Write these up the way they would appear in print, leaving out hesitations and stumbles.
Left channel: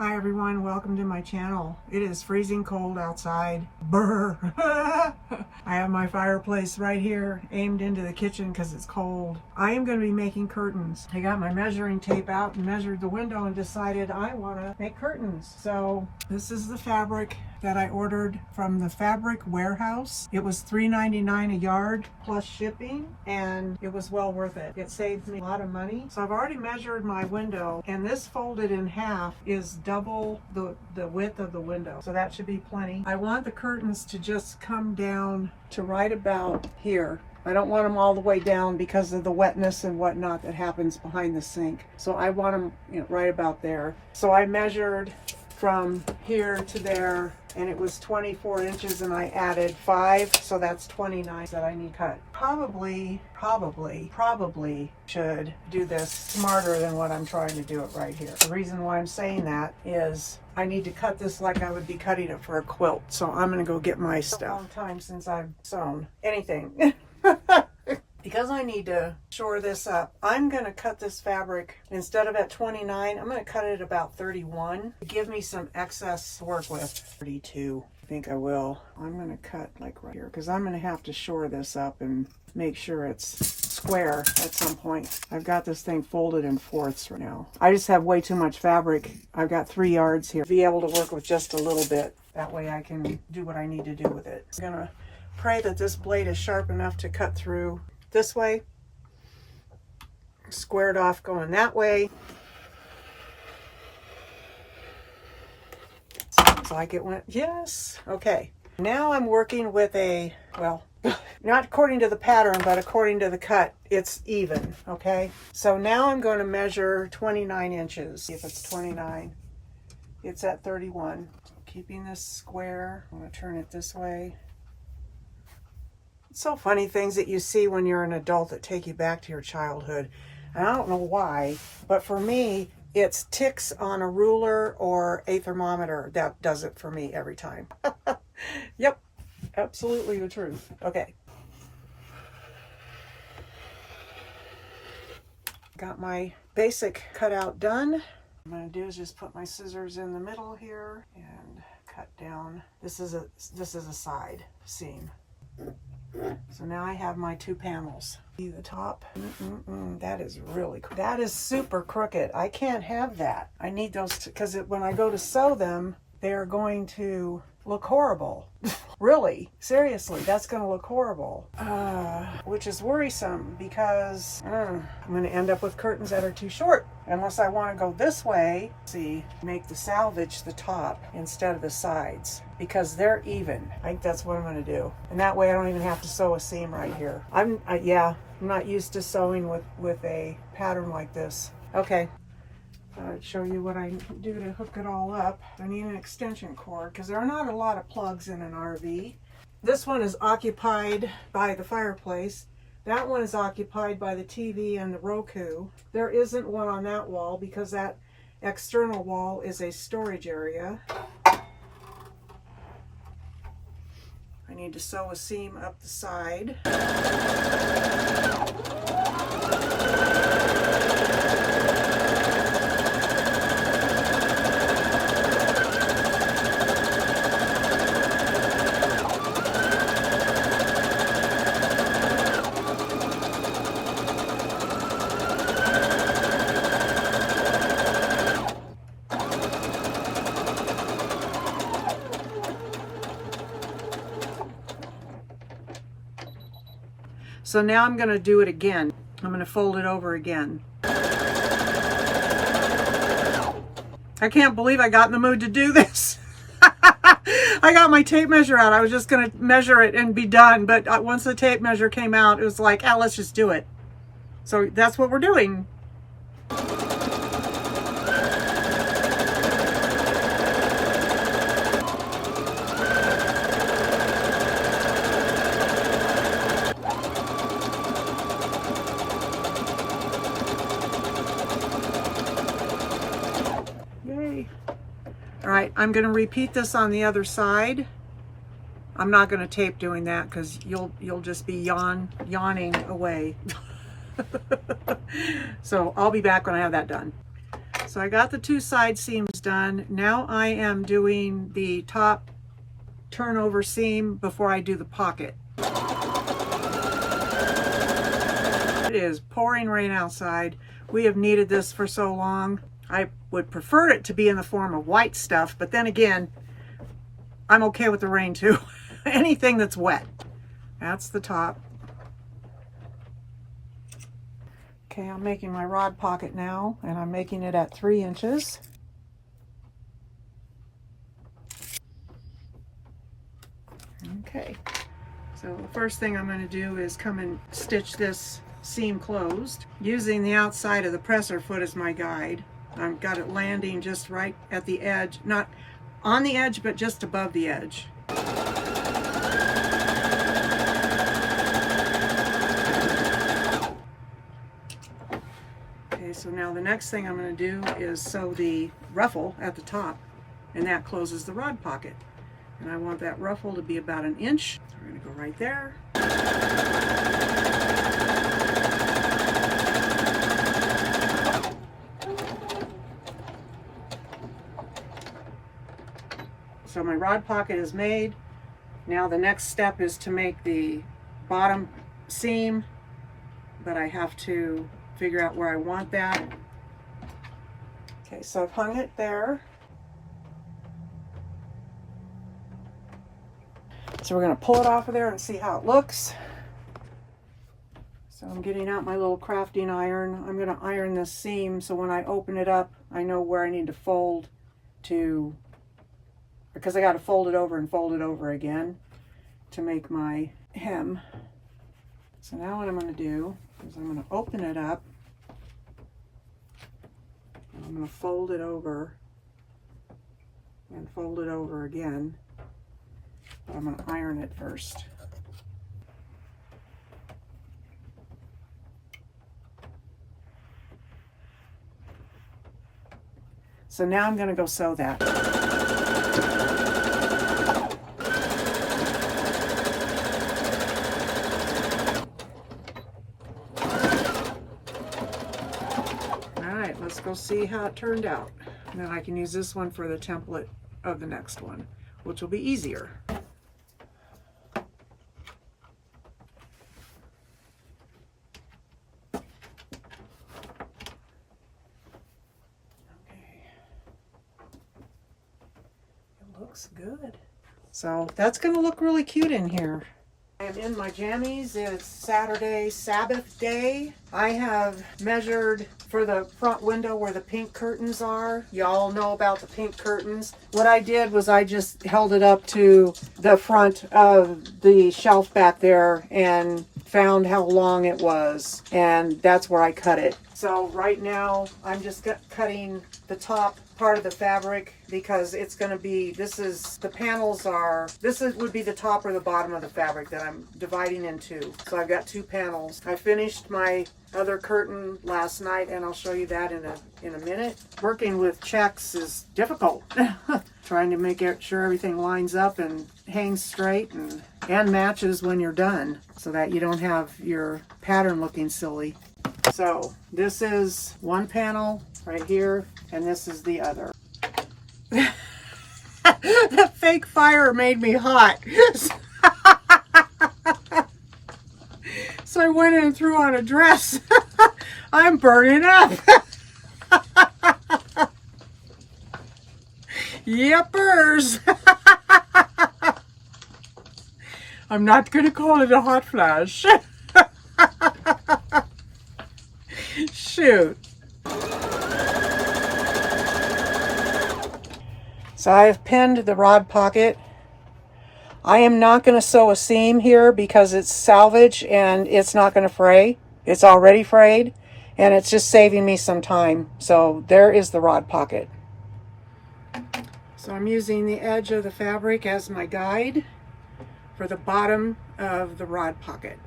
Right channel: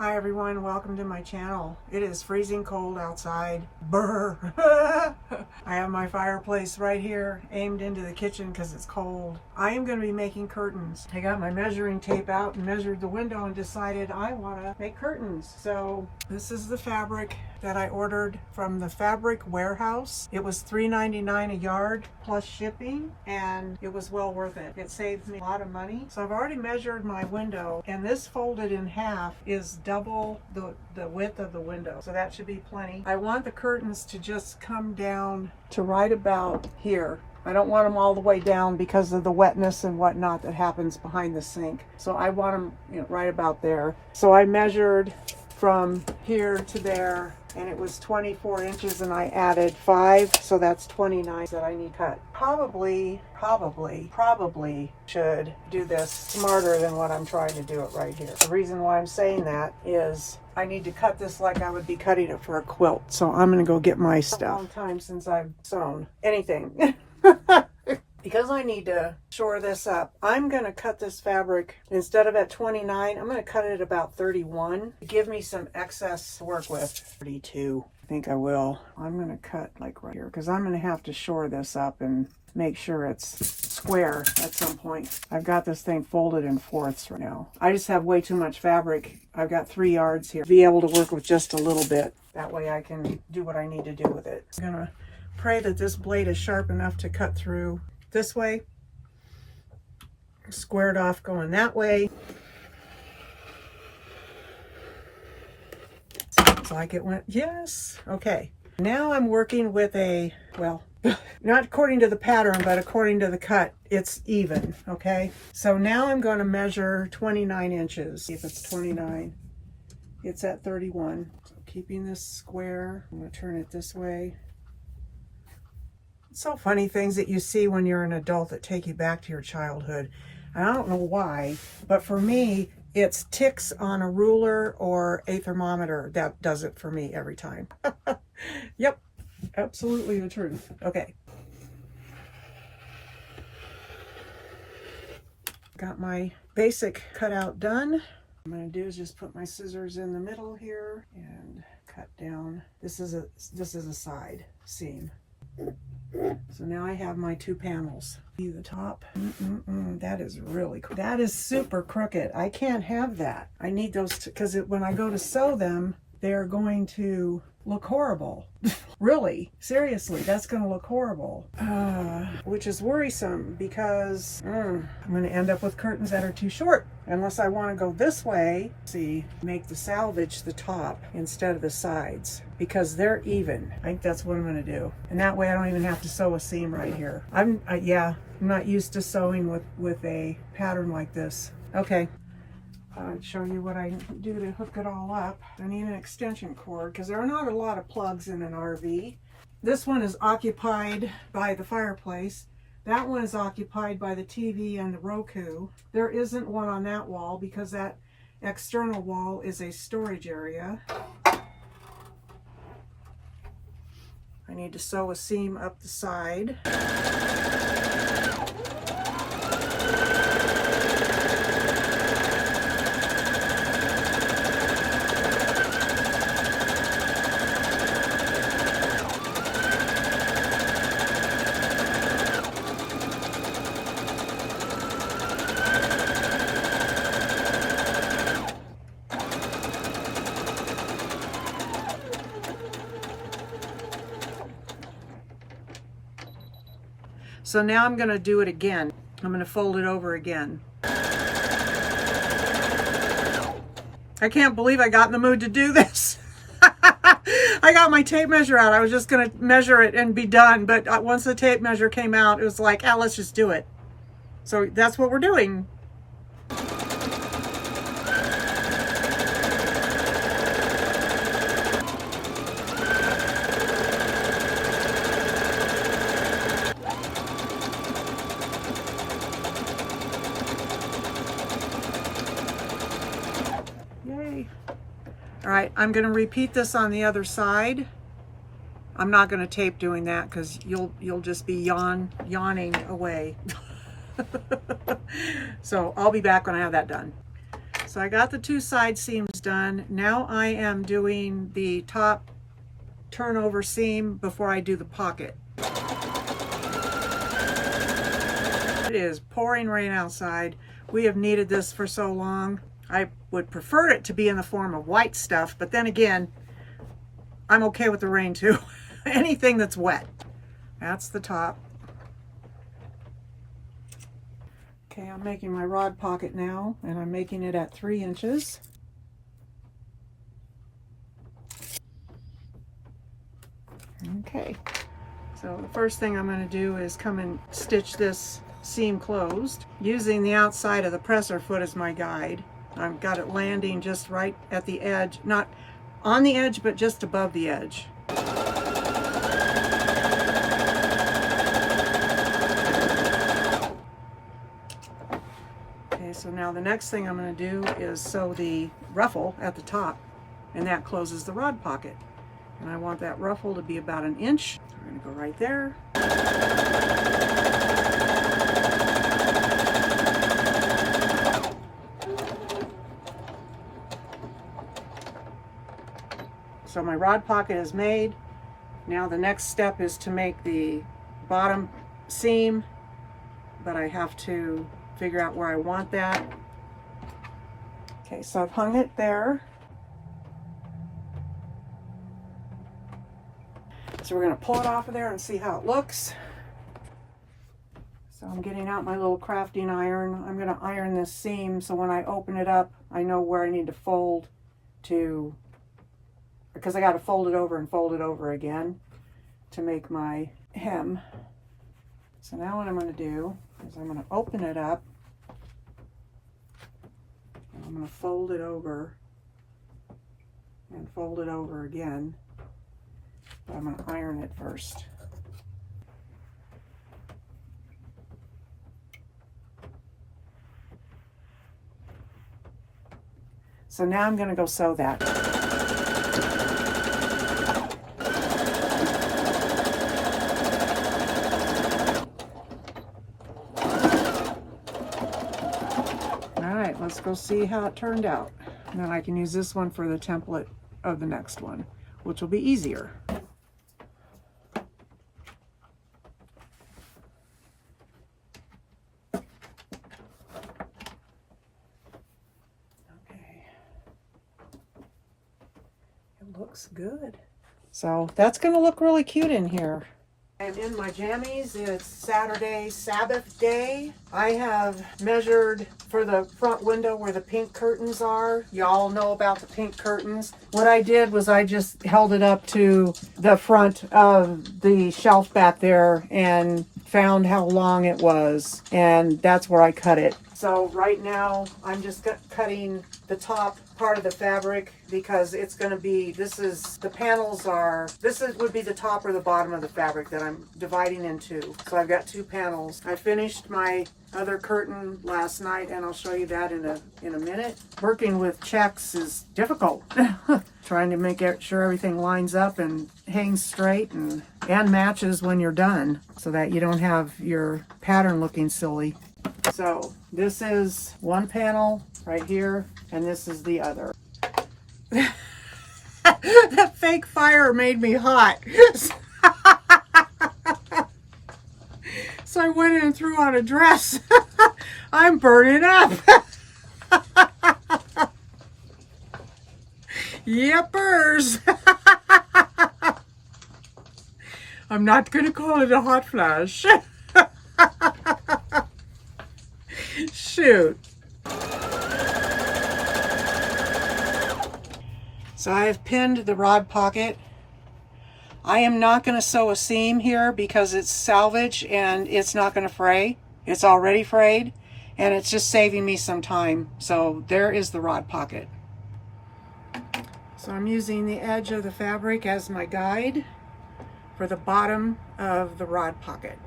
Hi everyone, welcome to my channel. It is freezing cold outside. Brr. I have my fireplace right here aimed into the kitchen because it's cold. I am going to be making curtains. I got my measuring tape out and measured the window and decided I want to make curtains. So this is the fabric that I ordered from the fabric warehouse. It was $3.99 a yard plus shipping, and it was well worth it. It saved me a lot of money. So I've already measured my window, and this folded in half is double the width of the window. So that should be plenty. I want the curtains to just come down to right about here. I don't want them all the way down because of the wetness and whatnot that happens behind the sink. So I want them, right about there. So I measured from here to there, and it was 24 inches, and I added 5, so that's 29 that I need cut. Probably should do this smarter than what I'm trying to do it right here. The reason why I'm saying that is I need to cut this like I would be cutting it for a quilt. So I'm gonna go get my stuff. It's a long time since I've sewn anything. Because I need to shore this up, I'm going to cut this fabric, instead of at 29, I'm going to cut it at about 31 to give me some excess to work with. 32, I think I will. I'm going to cut like right here because I'm going to have to shore this up and make sure it's square at some point. I've got this thing folded in fourths right now. I just have way too much fabric. I've got 3 yards here. Be able to work with just a little bit. That way I can do what I need to do with it. I'm going to pray that this blade is sharp enough to cut through this way, squared off going that way. Sounds like it went, yes. Okay, now I'm working with a, well, not according to the pattern, but according to the cut, it's even, okay? So now I'm going to measure 29 inches. See if it's 29. It's at 31. Keeping this square, I'm going to turn it this way. It's so funny, things that you see when you're an adult that take you back to your childhood. And I don't know why, but for me, it's ticks on a ruler or a thermometer that does it for me every time. Yep, absolutely the truth. Okay. Got my basic cutout done. What I'm going to do is just put my scissors in the middle here and cut down. This is a side seam. So now I have my 2 panels. See the top? That is really, that is super crooked. I can't have that. I need those because when I go to sew them, they're going to look horrible. Really, seriously, that's going to look horrible. Which is worrisome because I'm going to end up with curtains that are too short. Unless I want to go this way, see, make the salvage the top instead of the sides because they're even. I think that's what I'm going to do. And that way I don't even have to sew a seam right here. I'm not used to sewing with a pattern like this. Okay. I'll show you what I do to hook it all up. I need an extension cord because there are not a lot of plugs in an RV. This one is occupied by the fireplace. That one is occupied by the TV and the Roku. There isn't one on that wall because that external wall is a storage area. I need to sew a seam up the side. So now I'm going to do it again. I'm going to fold it over again. I can't believe I got in the mood to do this. I got my tape measure out. I was just going to measure it and be done. But once the tape measure came out, it was like, let's just do it. So that's what we're doing. All right, I'm going to repeat this on the other side. I'm not going to tape doing that because you'll just be yawning away. So I'll be back when I have that done. So I got the 2 side seams done. Now I am doing the top turnover seam before I do the pocket. It is pouring rain outside. We have needed this for so long. I would prefer it to be in the form of white stuff, but then again, I'm okay with the rain too. Anything that's wet. That's the top. Okay, I'm making my rod pocket now, and I'm making it at 3 inches. Okay, so the first thing I'm going to do is come and stitch this seam closed using the outside of the presser foot as my guide. I've got it landing just right at the edge, not on the edge, but just above the edge. Okay, so now the next thing I'm going to do is sew the ruffle at the top, and that closes the rod pocket. And I want that ruffle to be about 1 inch. So we're going to go right there. So my rod pocket is made. Now the next step is to make the bottom seam, but I have to figure out where I want that. Okay, so I've hung it there. So we're going to pull it off of there and see how it looks. So I'm getting out my little crafting iron. I'm going to iron this seam so when I open it up, I know where I need to fold to, because I got to fold it over and fold it over again to make my hem. So now what I'm going to do is I'm going to open it up. And I'm going to fold it over and fold it over again. But I'm going to iron it first. So now I'm going to go sew that. Let's go see how it turned out. And then I can use this one for the template of the next one, which will be easier. Okay. It looks good. So that's going to look really cute in here. I'm in my jammies. It's Saturday, Sabbath day. I have measured for the front window where the pink curtains are. Y'all know about the pink curtains. What I did was I just held it up to the front of the shelf back there and found how long it was, and that's where I cut it. So right now I'm just cutting the top part of the fabric because it's going to be, this would be the top or the bottom of the fabric that I'm dividing into. So I've got 2 panels. I finished my other curtain last night, and I'll show you that in a minute. Working with checks is difficult. Trying to make sure everything lines up and hangs straight and matches when you're done so that you don't have your pattern looking silly. So this is one panel right here, and this is the other. The fake fire made me hot. So I went in and threw on a dress. I'm burning up. Yepers. I'm not going to call it a hot flash. Shoot. So I've pinned the rod pocket. I am not going to sew a seam here because it's salvage and it's not going to fray. It's already frayed and it's just saving me some time. So there is the rod pocket. So I'm using the edge of the fabric as my guide for the bottom of the rod pocket.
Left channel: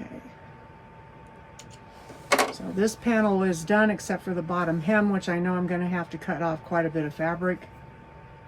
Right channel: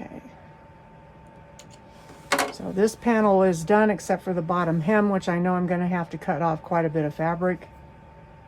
Okay. So this panel is done except for the bottom hem, which I know I'm going to have to cut off quite a bit of fabric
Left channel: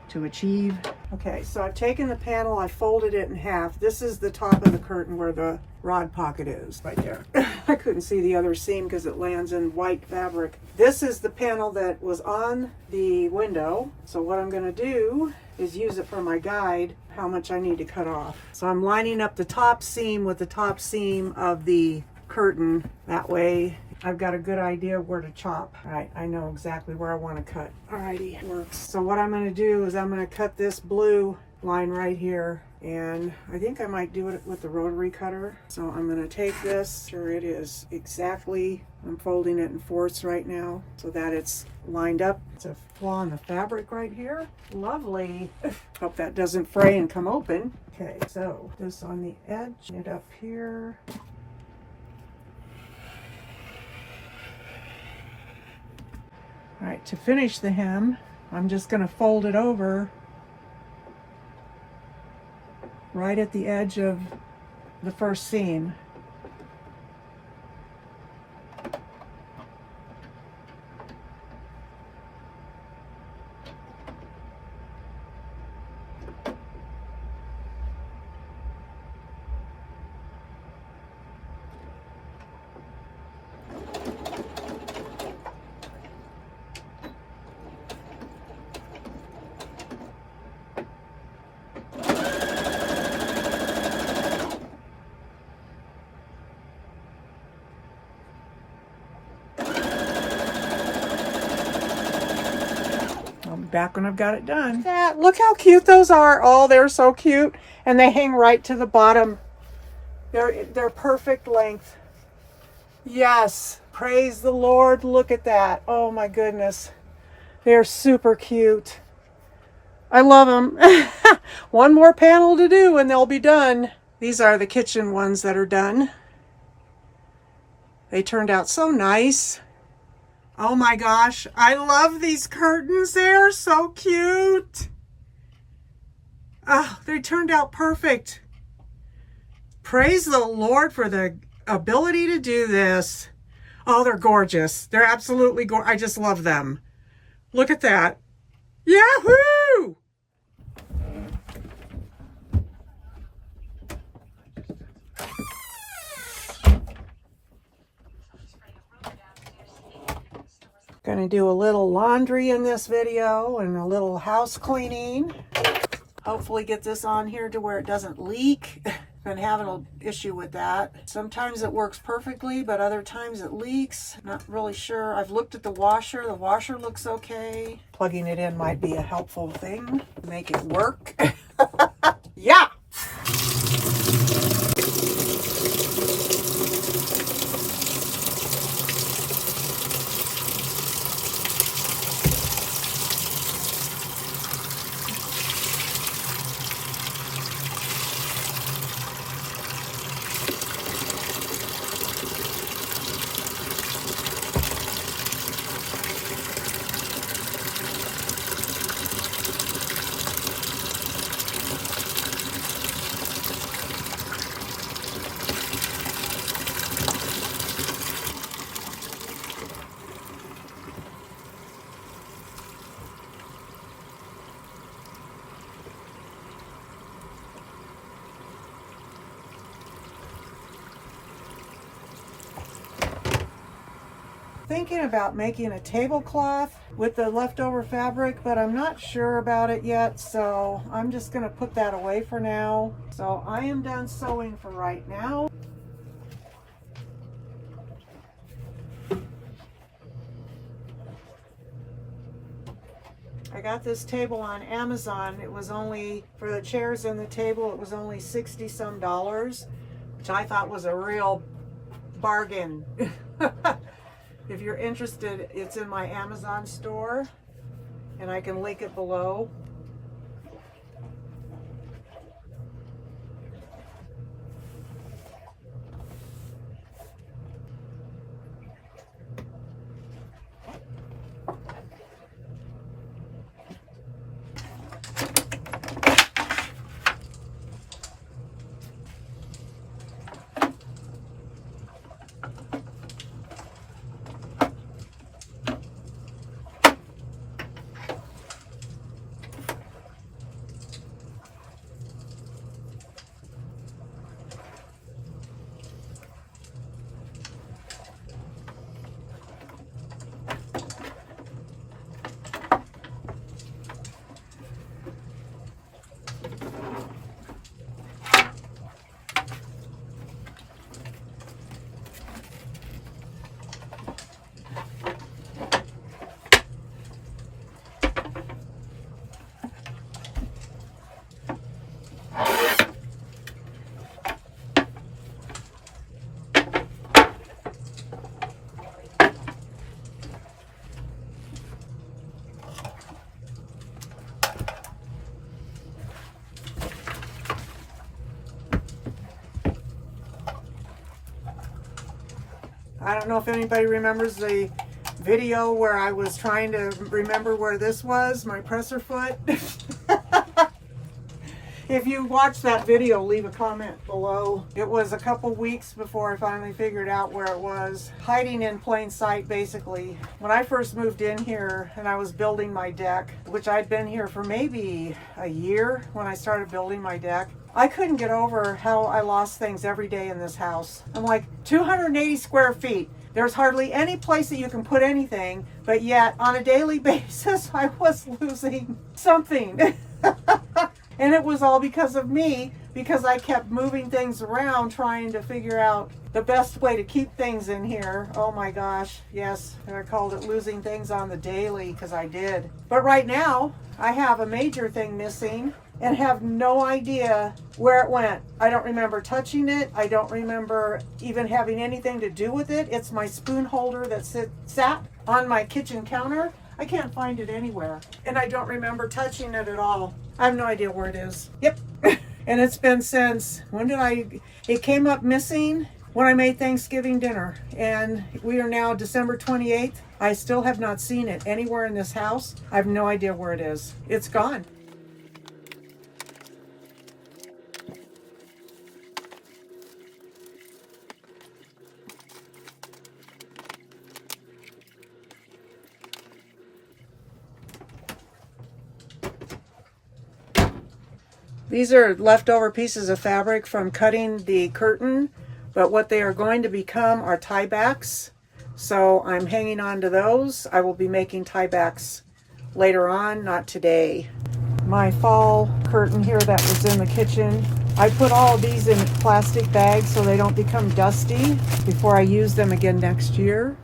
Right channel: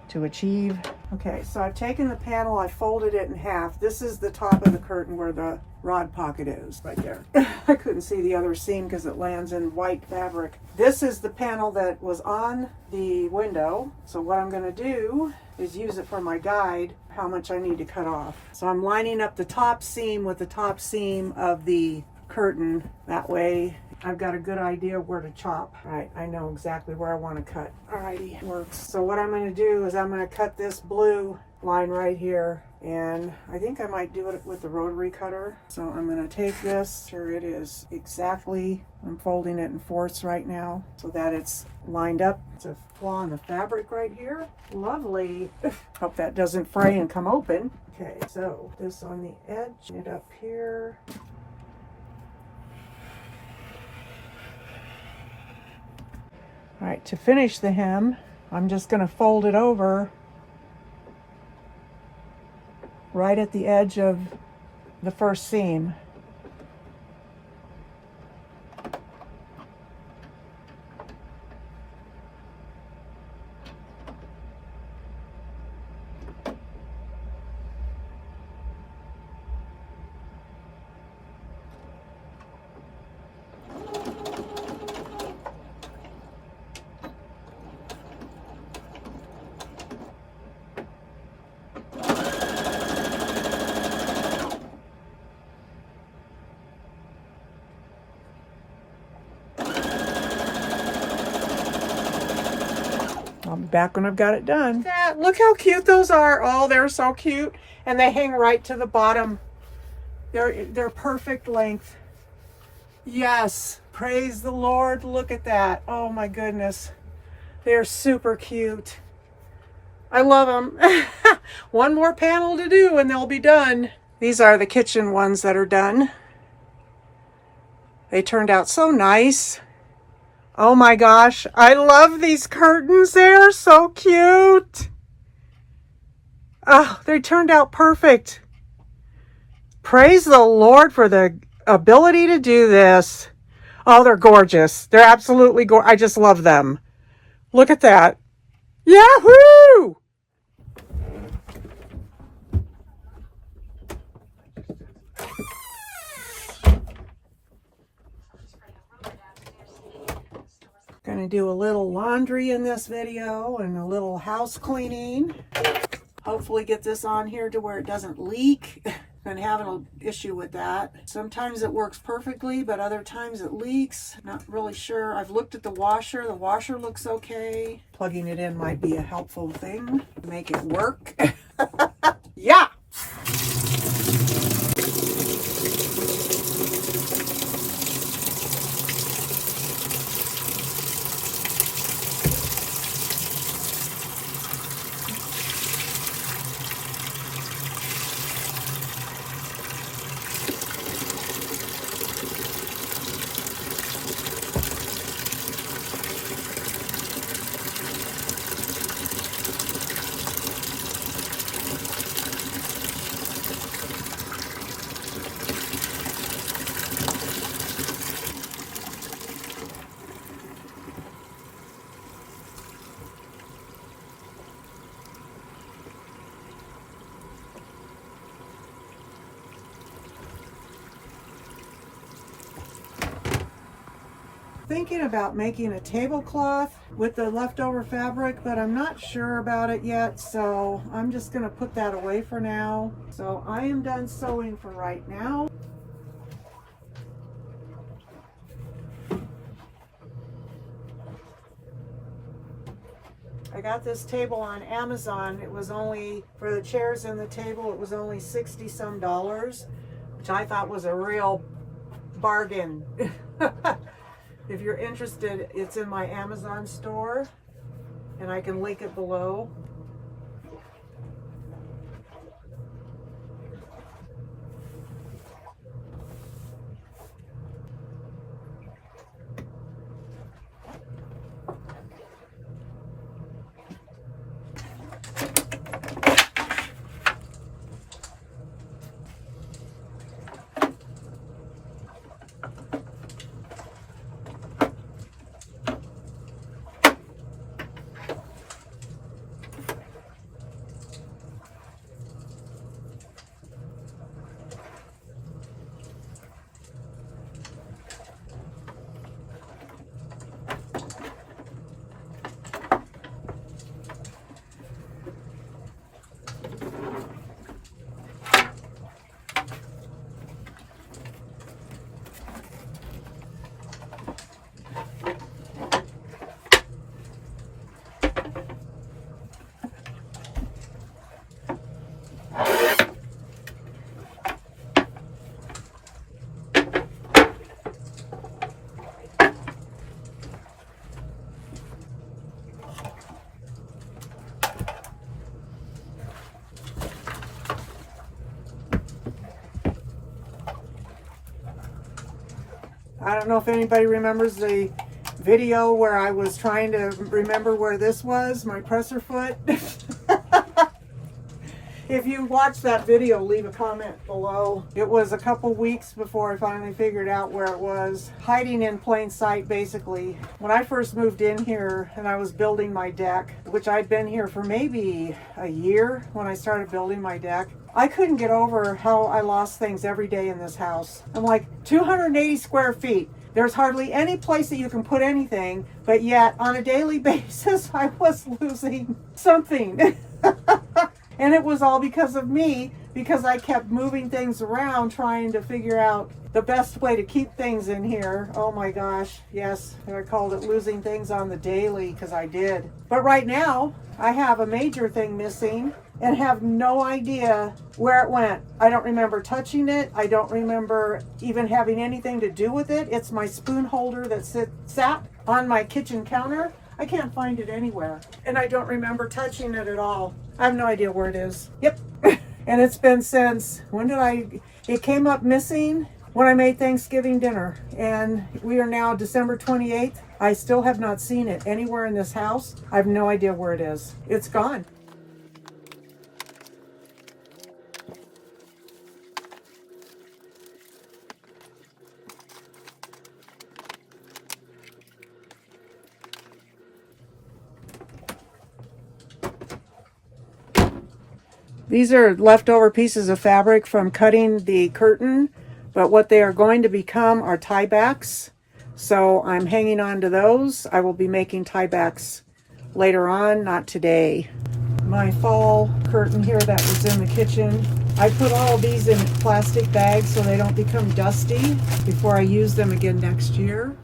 to achieve. Okay, so I've taken the panel, I folded it in half. This is the top of the curtain where the rod pocket is, right there. I couldn't see the other seam because it lands in white fabric. This is the panel that was on the window. So what I'm going to do is use it for my guide, how much I need to cut off. So I'm lining up the top seam with the top seam of the curtain. That way I've got a good idea where to chop. All right, I know exactly where I want to cut. Alrighty, works. So what I'm going to do is I'm going to cut this blue line right here, and I think I might do it with the rotary cutter. So I'm going to take this, sure it is exactly, I'm folding it in fourths right now so that it's lined up. It's a flaw in the fabric right here. Lovely. Hope that doesn't fray and come open. Okay, so this on the edge, it up here. All right, to finish the hem, I'm just going to fold it over right at the edge of the first seam. Back when I've got it done. Yeah, look how cute those are. Oh, they're so cute. And they hang right to the bottom. They're perfect length. Yes, praise the Lord. Look at that. Oh my goodness. They're super cute. I love them. One more panel to do and they'll be done. These are the kitchen ones that are done. They turned out so nice. Oh my gosh, I love these curtains. They're so cute. Oh, they turned out perfect. Praise the Lord for the ability to do this. Oh, they're gorgeous. They're absolutely gorgeous. I just love them. Look at that. Yahoo! Gonna do a little laundry in this video and a little house cleaning. Hopefully get this on here to where it doesn't leak. Been having an issue with that. Sometimes it works perfectly, but other times it leaks. Not really sure. I've looked at the washer. The washer looks okay. Plugging it in might be a helpful thing to make it work. Yeah! Thinking about making a tablecloth with the leftover fabric, but I'm not sure about it yet, so I'm just going to put that away for now. So I am done sewing for right now. I got this table on Amazon. It was only, for the chairs and the table, it was only $60 some, which I thought was a real bargain. If you're interested, it's in my Amazon store, and I can link it below. I don't know if anybody remembers the video where I was trying to remember where this was, my presser foot. If you watched that video, leave a comment below. It was a couple weeks before I finally figured out where it was. Hiding in plain sight, basically. When I first moved in here and I was building my deck, which I'd been here for maybe a year when I started building my deck, I couldn't get over how I lost things every day in this house. I'm like, 280 square feet. There's hardly any place that you can put anything, but yet on a daily basis, I was losing something. And it was all because of me, because I kept moving things around trying to figure out the best way to keep things in here. Oh my gosh, yes, I called it losing things on the daily, because I did. But right now, I have a major thing missing and have no idea where it went. I don't remember touching it. I don't remember even having anything to do with it. It's my spoon holder that sat on my kitchen counter. I can't find it anywhere. And I don't remember touching it at all. I have no idea where it is. Yep. And it's been since, it came up missing when I made Thanksgiving dinner. And we are now December 28th. I still have not seen it anywhere in this house. I have no idea where it is. It's gone. These are leftover pieces of fabric from cutting the curtain, but what they are going to become are tie backs. So I'm hanging on to those. I will be making tie backs later on, not today. My fall curtain here that was in the kitchen, I put all of these in plastic bags so they don't become dusty before I use them again next year.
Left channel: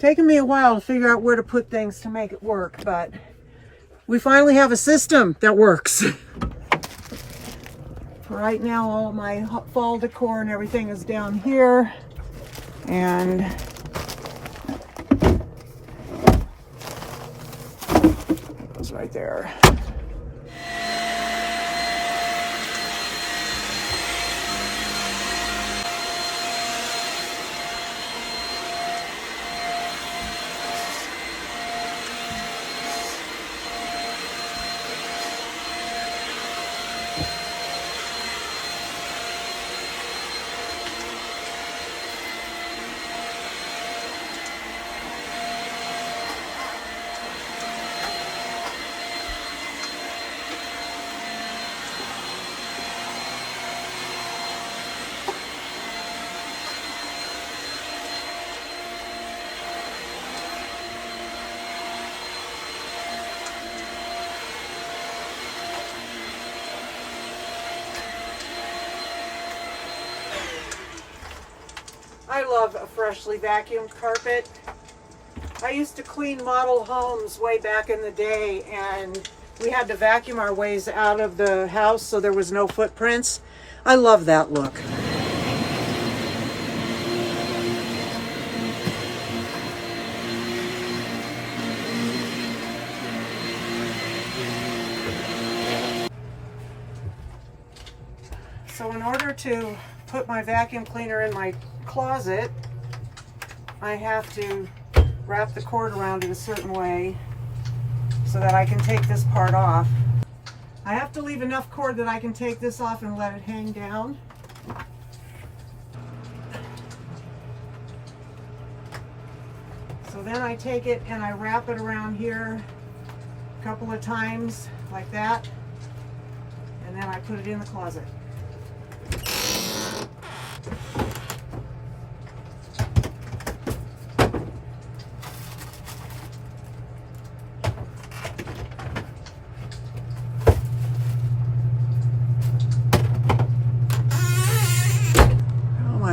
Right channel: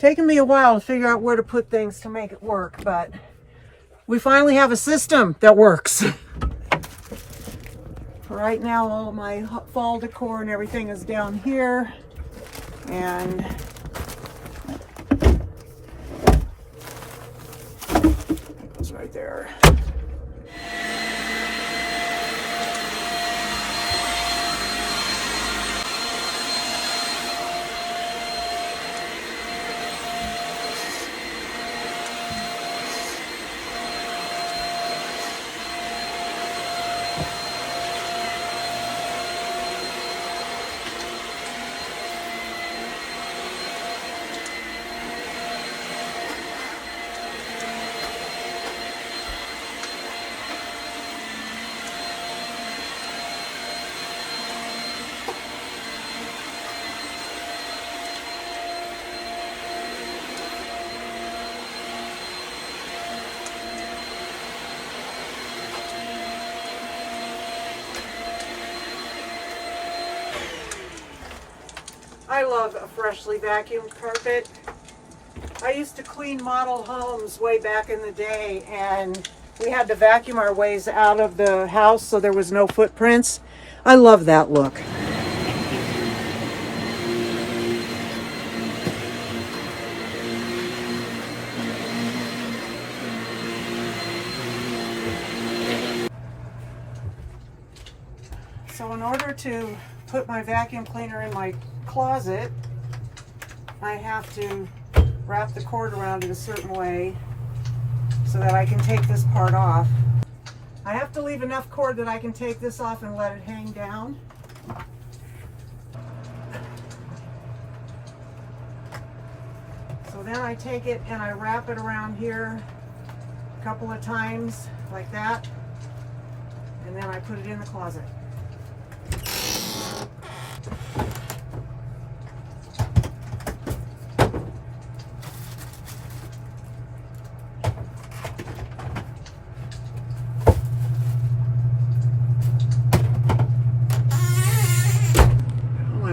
Taken me a while to figure out where to put things to make it work, but we finally have a system that works. For right now, all of my fall decor and everything is down here, and it's right there. I love a freshly vacuumed carpet. I used to clean model homes way back in the day, and we had to vacuum our ways out of the house so there was no footprints. I love that look. So in order to put my vacuum cleaner in my closet, I have to wrap the cord around it a certain way so that I can take this part off. I have to leave enough cord that I can take this off and let it hang down. So then I take it and I wrap it around here a couple of times like that, and then I put it in the closet.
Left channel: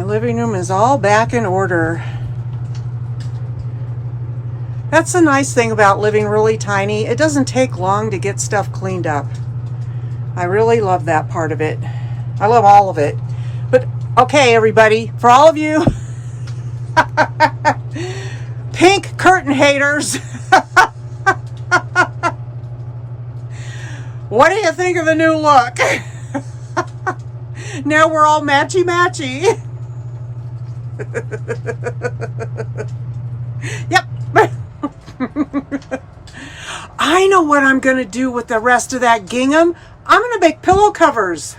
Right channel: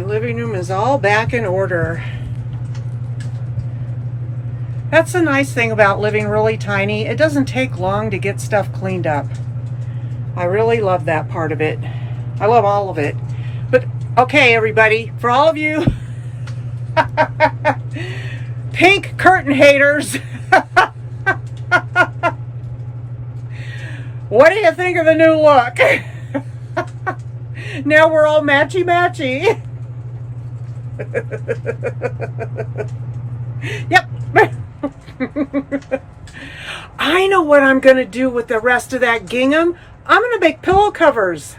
Living room is all back in order. That's the nice thing about living really tiny. It doesn't take long to get stuff cleaned up. I really love that part of it. I love all of it. Okay, everybody, for all of you pink curtain haters, what do you think of the new look? Now we're all matchy-matchy. Yep. I know what I'm going to do with the rest of that gingham. I'm going to make pillow covers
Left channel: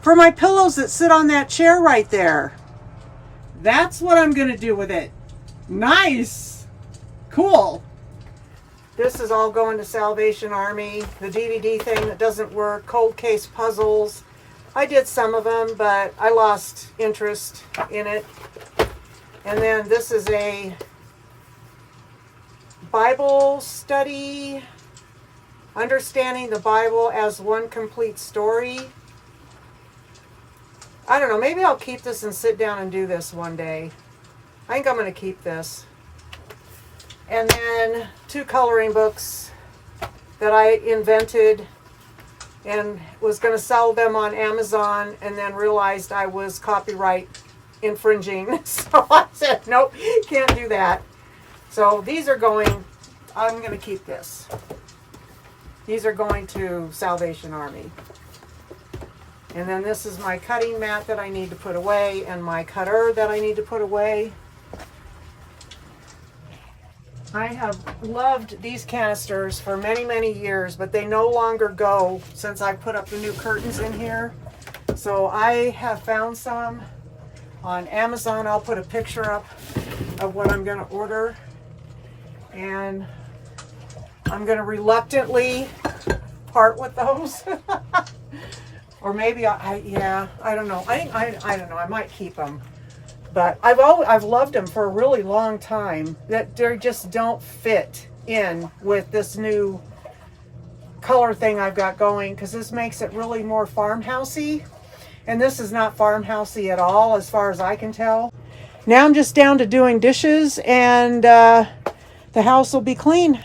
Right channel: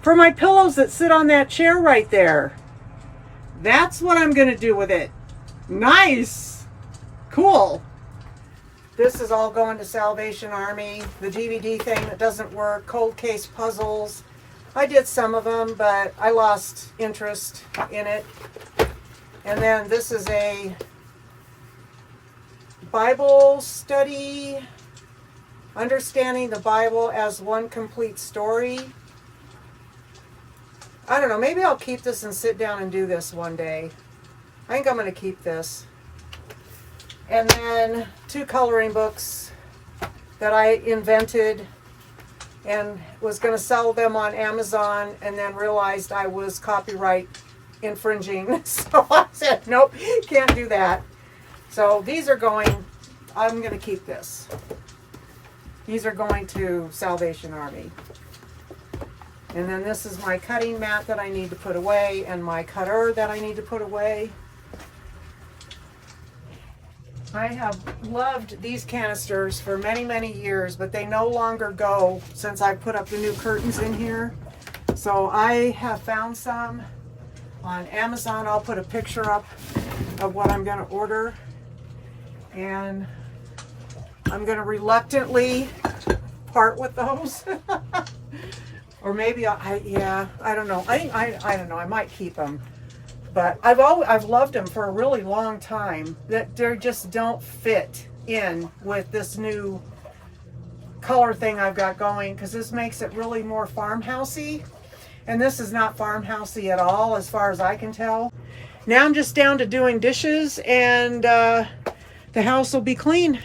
for my pillows that sit on that chair right there. That's what I'm going to do with it. Nice. Cool. This is all going to Salvation Army. The DVD thing that doesn't work. Cold case puzzles. I did some of them, but I lost interest in it. And then this is a Bible study, understanding the Bible as one complete story. I don't know, maybe I'll keep this and sit down and do this one day. I think I'm going to keep this. And then 2 coloring books that I invented and was going to sell them on Amazon, and then realized I was copyright infringing. So I said, nope, can't do that. So these are going, I'm going to keep this. These are going to Salvation Army. And then this is my cutting mat that I need to put away, and my cutter that I need to put away. I have loved these canisters for many, many years, but they no longer go since I put up the new curtains in here. So I have found some on Amazon. I'll put a picture up of what I'm going to order. And I'm going to reluctantly part with those. Or maybe I don't know. I don't know. I might keep them. But I've loved them for a really long time. That they just don't fit in with this new color thing I've got going, because this makes it really more farmhousey. And this is not farmhousey at all, as far as I can tell. Now I'm just down to doing dishes, and the house will be clean.